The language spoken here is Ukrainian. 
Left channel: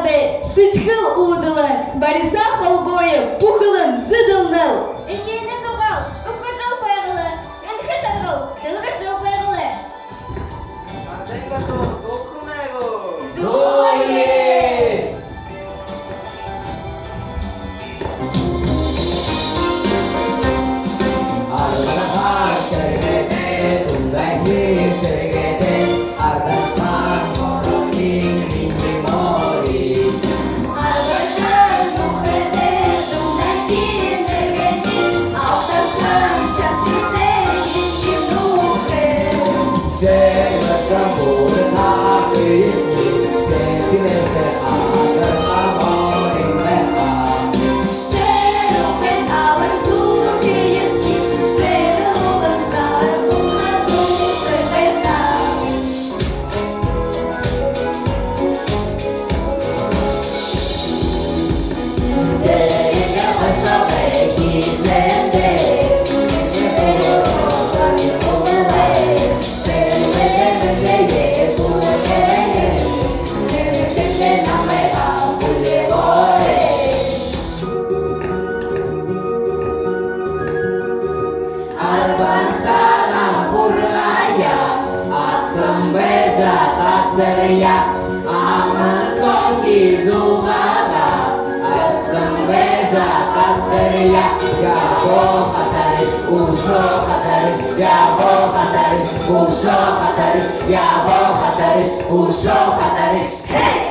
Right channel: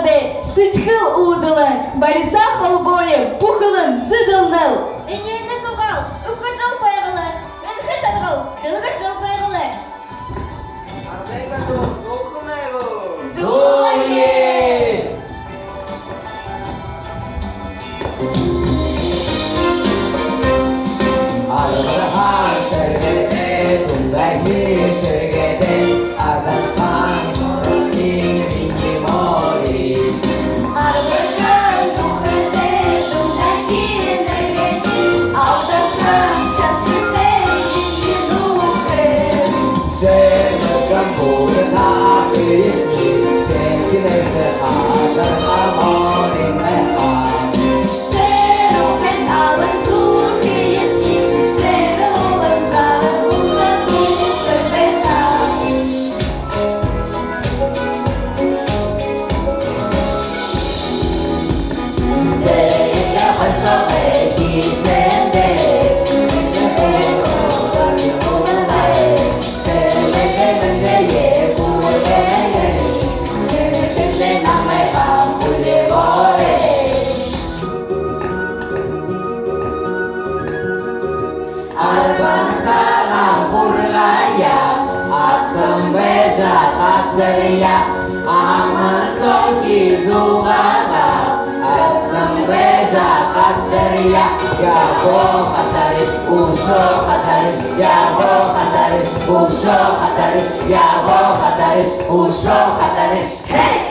ағады, сүтхіл уыдылын, бариса холбойы, пухылын, зыдылныл. Инейне соғал, үккішіл пайғылы, үнхі жарғыл, білгішіл пайғылы. Ардайға толқынайғы. Дуе! Ardahan sergede, tundagi sergede, Ardahan moraling ringi mori. Ardahan tuhmede, tundaki negedi, Ardahan çasite, şişinuhe. Seno kampurna kıyısni, Çekile sehadan moring meha. Шерухен алын зур киешки, Шерухен жаргуна духы бета. Deyinle mesafe gizlende, Çekile olayı, Temelende buleye, Temelende namaya bulevore. Al-Bansala Purlaya, Atsambeja Tatariya, Amasoki Zubada, Atsambeja Tatariya, Yabo Khataris, Usho Khataris, Yabo Khataris, Usho Khataris, Yabo Khataris, Usho Khataris. Hey!